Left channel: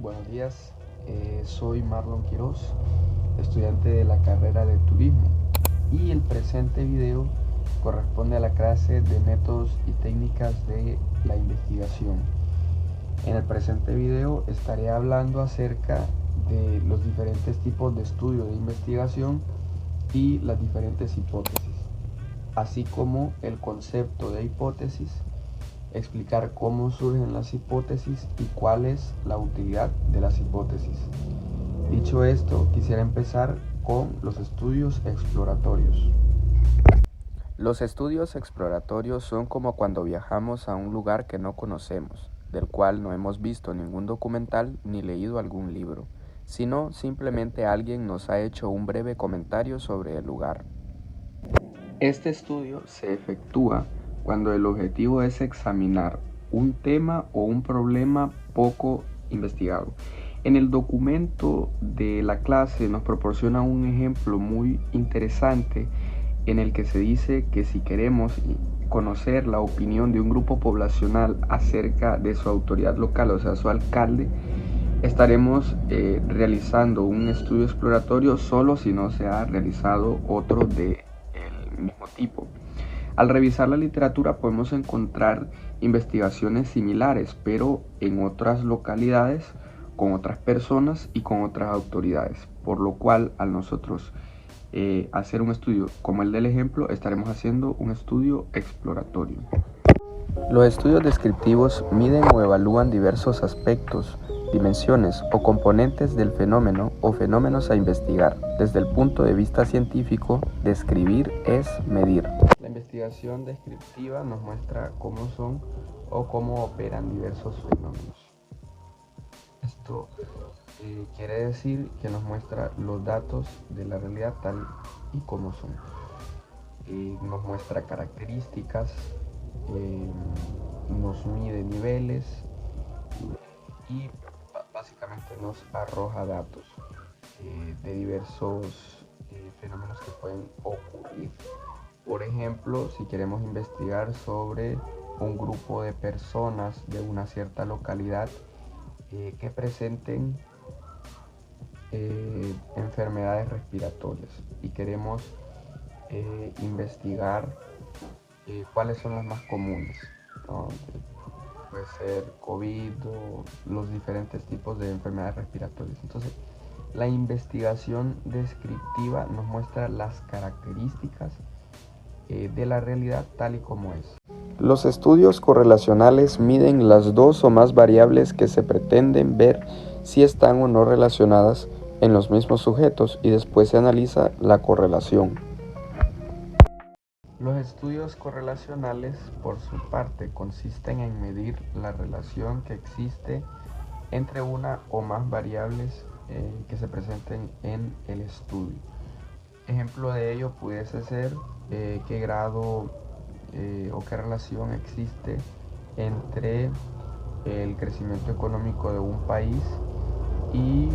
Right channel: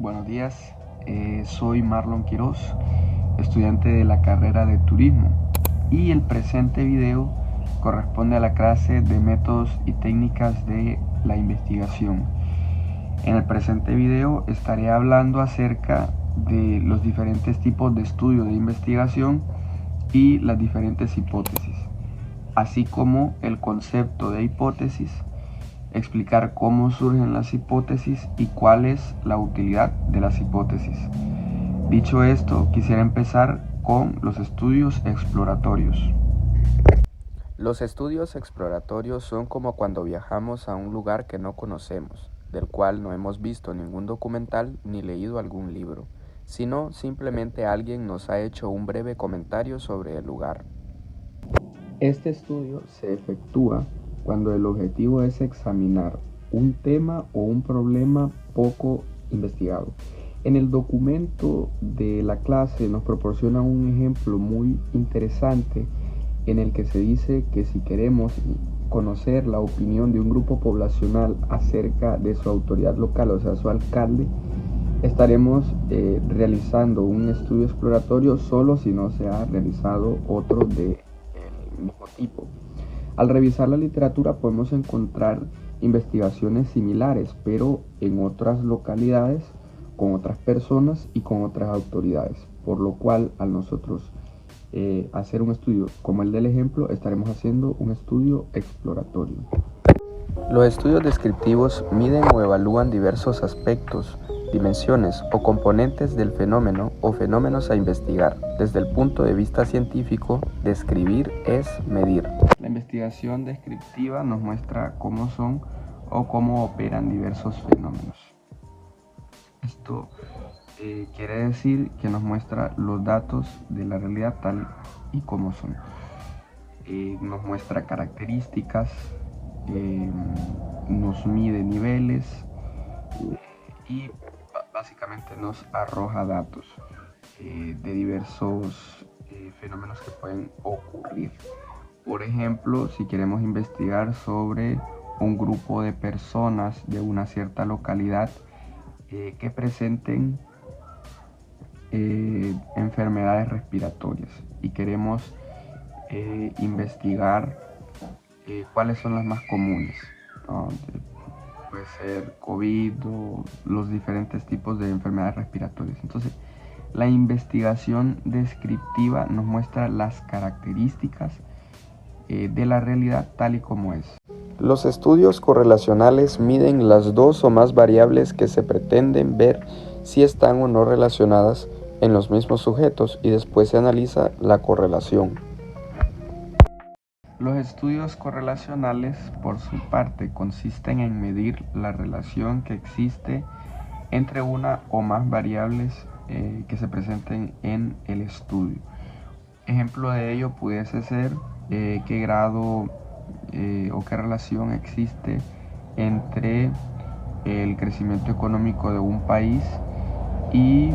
Buenos días, soy Marlon Quiroz, estudiante de la carrera de Turismo, y el presente video corresponde a la clase de métodos y técnicas de la investigación. En el presente video estaré hablando acerca de los diferentes tipos de estudio de investigación y las diferentes hipótesis, así como el concepto de hipótesis, explicar cómo surgen las hipótesis y cuál es la utilidad de las hipótesis. Dicho esto, quisiera empezar con los estudios exploratorios. Los estudios exploratorios son como cuando viajamos a un lugar que no conocemos, del cual no hemos visto ningún documental ni leído algún libro, sino simplemente alguien nos ha hecho un breve comentario sobre el lugar. Este estudio se efectúa cuando el objetivo es examinar un tema o un problema poco investigado. En el documento de la clase nos proporciona un ejemplo muy interesante en el que se dice que si queremos conocer la opinión de un grupo poblacional acerca de su autoridad local, o sea, su alcalde, estaremos realizando un estudio exploratorio solo si no se ha realizado otro del mismo tipo. Al revisar la literatura podemos encontrar investigaciones similares, pero en otras localidades, con otras personas y con otras autoridades, por lo cual al nosotros hacer un estudio como el del ejemplo, estaremos haciendo un estudio exploratorio. Los estudios descriptivos miden o evalúan diversos aspectos, dimensiones o componentes del fenómeno o fenómenos a investigar. Desde el punto de vista científico, describir es medir. La investigación descriptiva nos muestra cómo son o cómo operan diversos fenómenos. Esto quiere decir que nos muestra los datos de la realidad tal y como son. Nos muestra características, nos mide niveles y básicamente nos arroja datos de diversos fenómenos que pueden ocurrir. Por ejemplo, si queremos investigar sobre un grupo de personas de una cierta localidad que presenten enfermedades respiratorias y queremos investigar cuáles son las más comunes, ¿no? Puede ser COVID o los diferentes tipos de enfermedades respiratorias. Entonces, la investigación descriptiva nos muestra las características de la realidad tal y como es. Los estudios correlacionales miden las dos o más variables que se pretenden ver si están o no relacionadas en los mismos sujetos y después se analiza la correlación. Los estudios correlacionales, por su parte, consisten en medir la relación que existe entre una o más variables que se presenten en el estudio. Ejemplo de ello pudiese ser qué grado o qué relación existe entre el crecimiento económico de un país y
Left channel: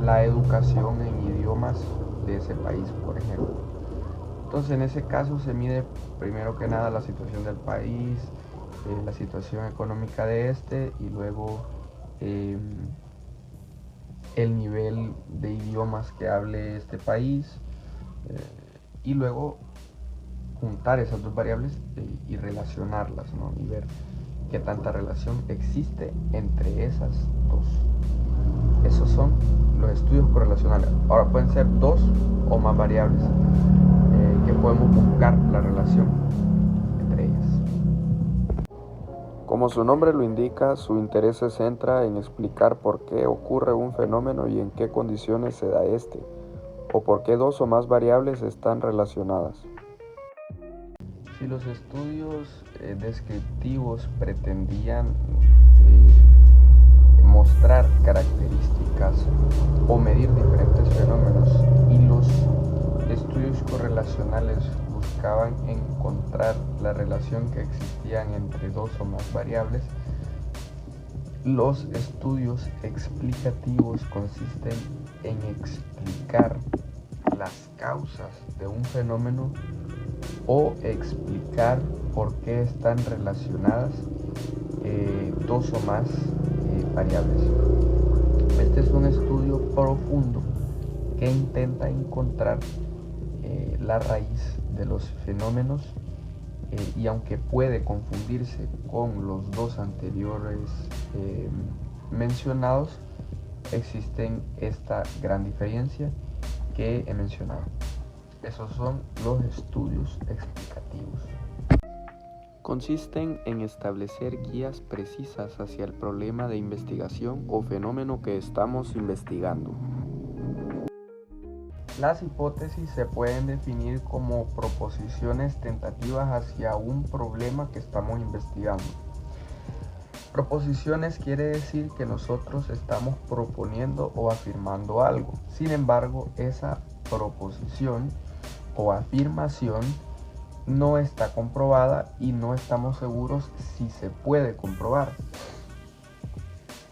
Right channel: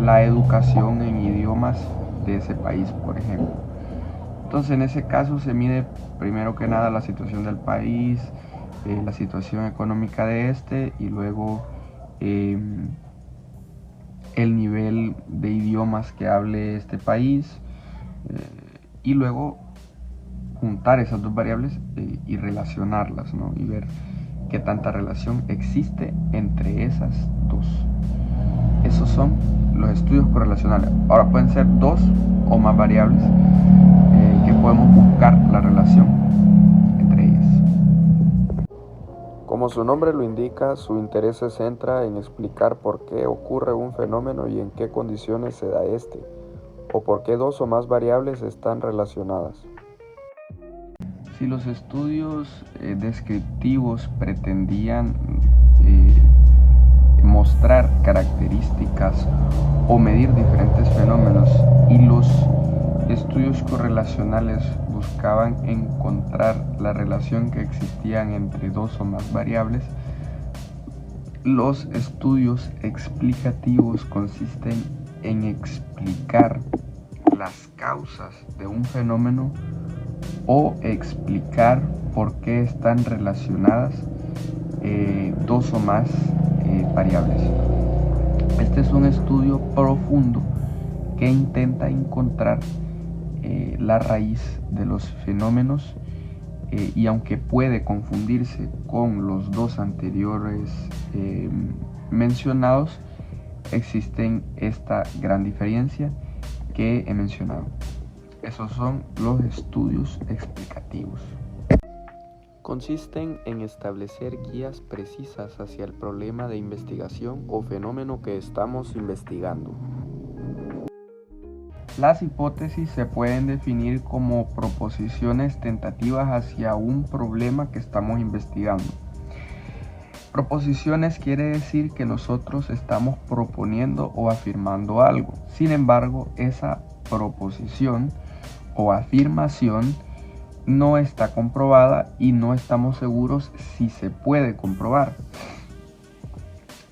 la educación en idiomas de ese país, por ejemplo. Entonces, en ese caso se mide primero que nada la situación del país, la situación económica de este y luego el nivel de idiomas que hable este país y luego juntar esas dos variables y relacionarlas, ¿no? Y ver qué tanta relación existe entre esas dos. Esos son los estudios correlacionales. Ahora pueden ser dos o más variables que podemos buscar la relación entre ellas. Como su nombre lo indica, su interés se centra en explicar por qué ocurre un fenómeno y en qué condiciones se da este, o por qué dos o más variables están relacionadas. Si los estudios descriptivos pretendían mostrar características o medir diferentes fenómenos y los estudios correlacionales buscaban encontrar la relación que existían entre dos o más variables, los estudios explicativos consisten en explicar las causas de un fenómeno o explicar por qué están relacionadas dos o más variables. Este es un estudio profundo que intenta encontrar la raíz de los fenómenos y aunque puede confundirse con los dos anteriores mencionados, existen esta gran diferencia que he mencionado. Esos son los estudios explicativos. Consisten en establecer guías precisas hacia el problema de investigación o fenómeno que estamos investigando. Las hipótesis se pueden definir como proposiciones tentativas hacia un problema que estamos investigando. Proposiciones quiere decir que nosotros estamos proponiendo o afirmando algo. Sin embargo, esa proposición o afirmación no está comprobada y no estamos seguros si se puede comprobar.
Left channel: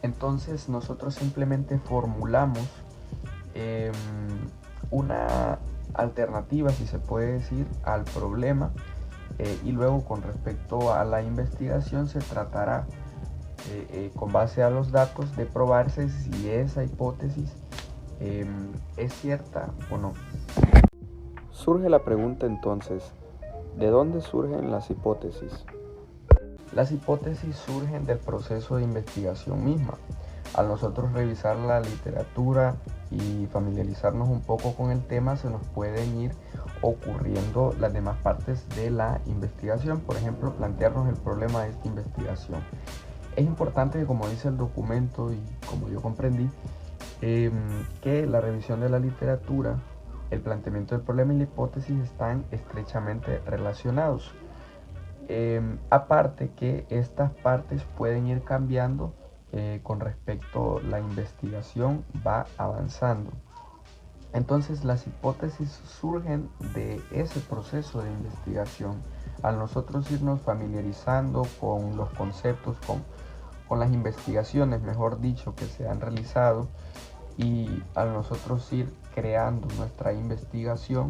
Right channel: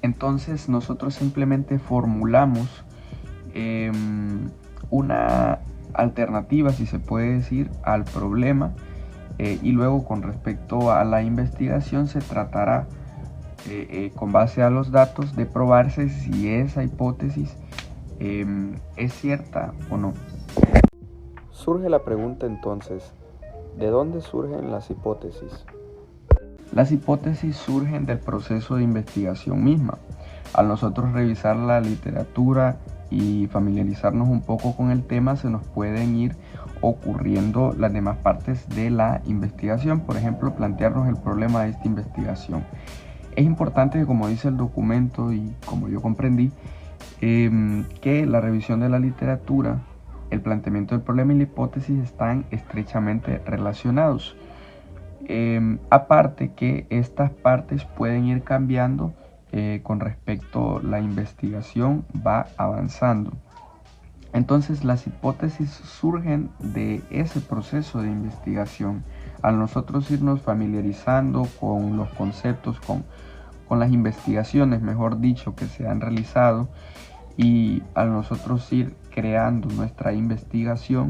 Entonces nosotros simplemente formulamos una alternativa, si se puede decir, al problema y luego con respecto a la investigación se tratará con base a los datos de probarse si esa hipótesis es cierta o no. Surge la pregunta entonces, ¿de dónde surgen las hipótesis? Las hipótesis surgen del proceso de investigación misma. Al nosotros revisar la literatura y familiarizarnos un poco con el tema, se nos pueden ir ocurriendo las demás partes de la investigación. Por ejemplo, plantearnos el problema de esta investigación. Es importante que, como dice el documento y como yo comprendí, que la revisión de la literatura, el planteamiento del problema y la hipótesis están estrechamente relacionados. Aparte que estas partes pueden ir cambiando con respecto a la investigación va avanzando. Entonces las hipótesis surgen de ese proceso de investigación. Al nosotros irnos familiarizando con los conceptos, con las investigaciones, mejor dicho, que se han realizado, y al nosotros ir creando nuestra investigación,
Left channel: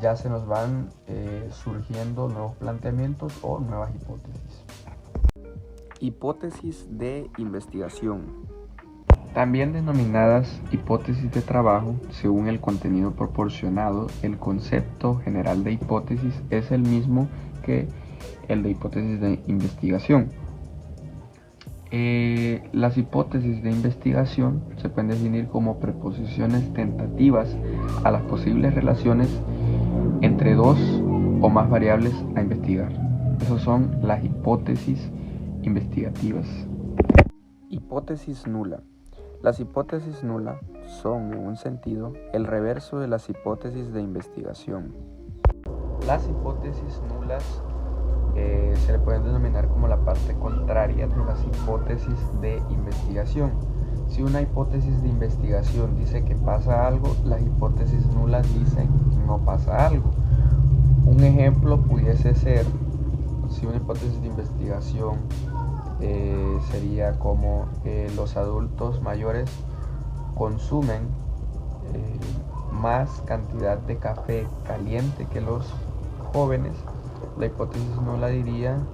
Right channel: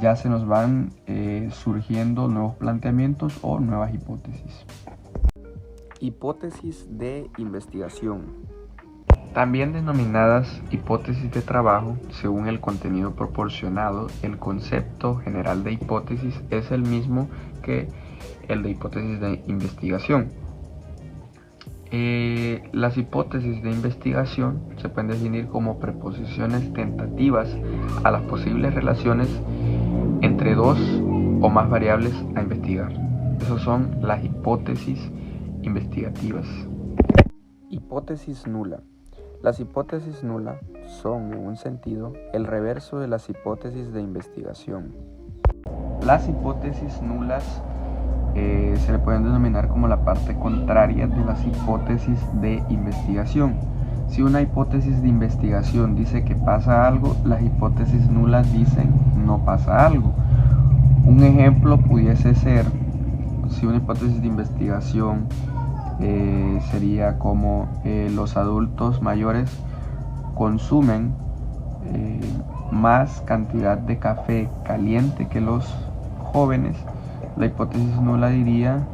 ya se nos van surgiendo nuevos planteamientos o nuevas hipótesis. Hipótesis de investigación. También denominadas hipótesis de trabajo, según el contenido proporcionado, el concepto general de hipótesis es el mismo que el de hipótesis de investigación. Las hipótesis de investigación se pueden definir como preposiciones tentativas a las posibles relaciones entre dos o más variables a investigar. Esas son las hipótesis investigativas. Hipótesis nula. Las hipótesis nulas son, en un sentido, el reverso de las hipótesis de investigación. Las hipótesis nulas se le pueden denominar como la parte contraria de las hipótesis de investigación. Si una hipótesis de investigación dice que pasa algo, las hipótesis nulas dicen no pasa algo. Un ejemplo pudiese ser, si una hipótesis de investigación sería como los adultos mayores consumen más cantidad de café caliente que los jóvenes, la hipótesis nula diría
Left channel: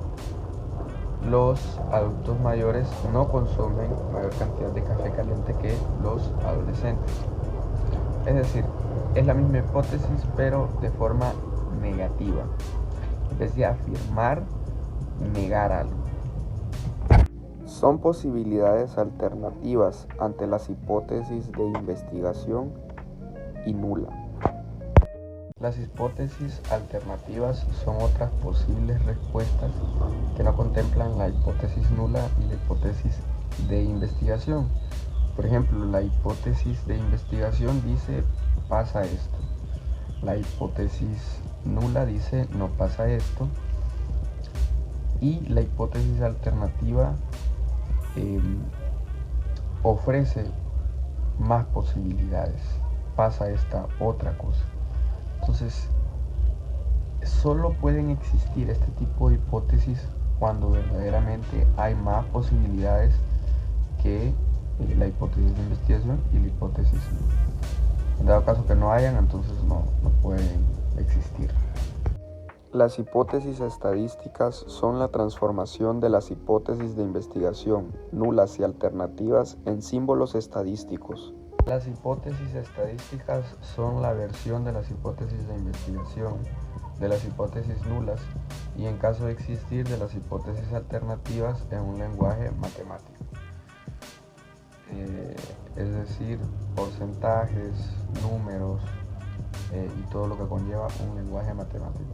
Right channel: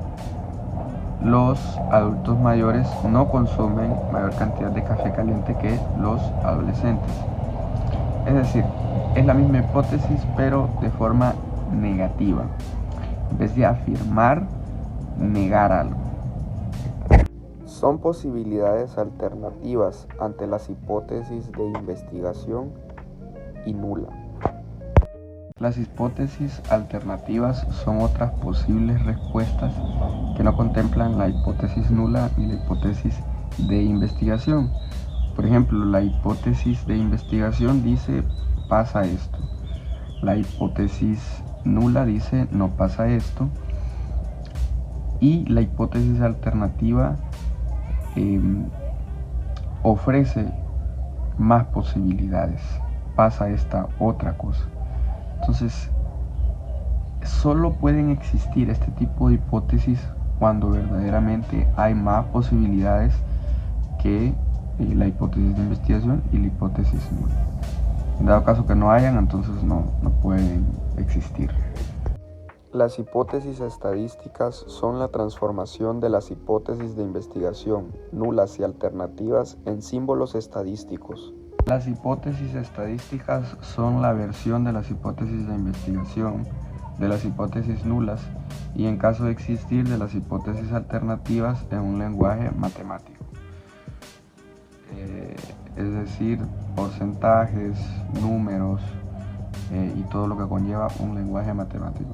los adultos mayores no consumen mayor cantidad de café caliente que los adolescentes. Es decir, es la misma hipótesis pero de forma negativa. En vez de afirmar, negar algo. Son posibilidades alternativas ante las hipótesis de investigación y nula. Las hipótesis alternativas son otras posibles respuestas que no contemplan la hipótesis nula ni la hipótesis de investigación. Por ejemplo, la hipótesis de investigación dice pasa esto. La hipótesis nula dice no pasa esto. Y la hipótesis alternativa ofrece más posibilidades. Pasa esta otra cosa. Entonces, solo pueden existir este tipo de hipótesis cuando verdaderamente hay más posibilidades que la hipótesis de investigación y la hipótesis nula. En dado caso que no hayan, entonces no pueden existir. Las hipótesis estadísticas son la transformación de las hipótesis de investigación, nulas y alternativas, en símbolos estadísticos. Las hipótesis estadísticas son la versión de las hipótesis de investigación, de las hipótesis nulas y, en caso de existir, de las hipótesis alternativas en un lenguaje matemático. Es decir, porcentajes, números y todo lo que conlleva un lenguaje matemático.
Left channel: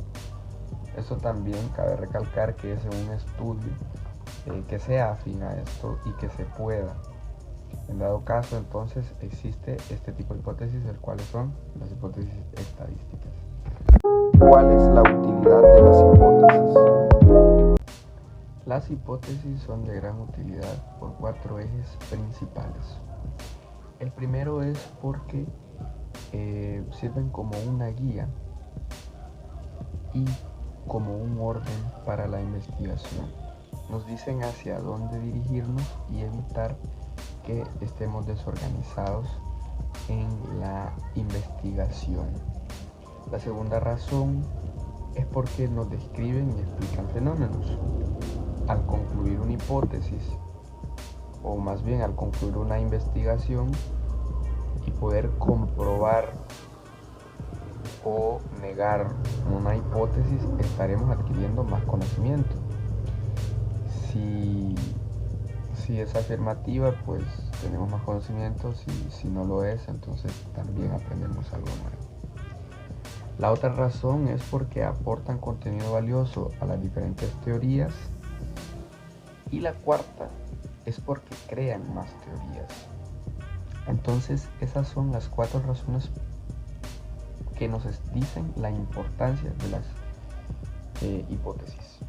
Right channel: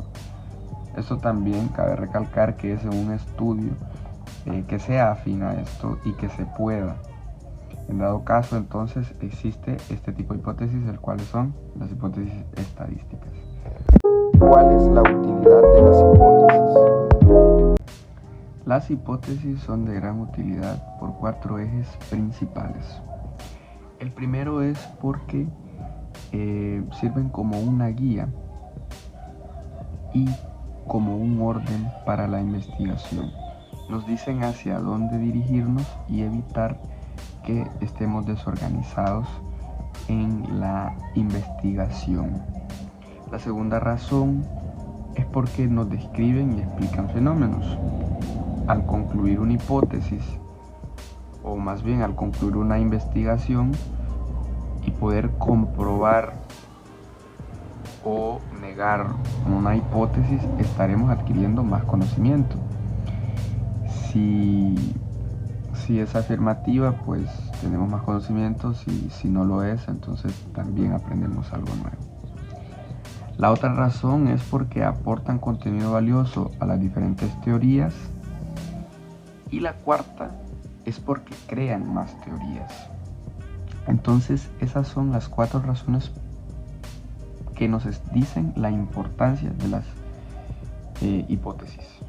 Esto también cabe recalcar que es un estudio que sea afín a esto y que se pueda. En dado caso, entonces, existe este tipo de hipótesis, el cual son las hipótesis estadísticas. ¿Cuál es la utilidad de las hipótesis? Las hipótesis son de gran utilidad por 4 ejes principales. El primero es porque sirven como una guía y como un orden para la investigación. Nos dicen hacia dónde dirigirnos y evitar que estemos desorganizados en la investigación. La segunda razón es porque nos describen y explican fenómenos. Al concluir una hipótesis, o más bien al concluir una investigación y poder comprobar o negar una hipótesis, estaremos adquiriendo más conocimiento. Si es afirmativa, pues tenemos más conocimientos, y si no lo es, entonces también aprendemos algo nuevo. La otra razón es porque aportan contenido valioso a las diferentes teorías. Y la cuarta es porque crean más teorías. Entonces, esas son las 4 razones que nos dicen la importancia de las hipótesis.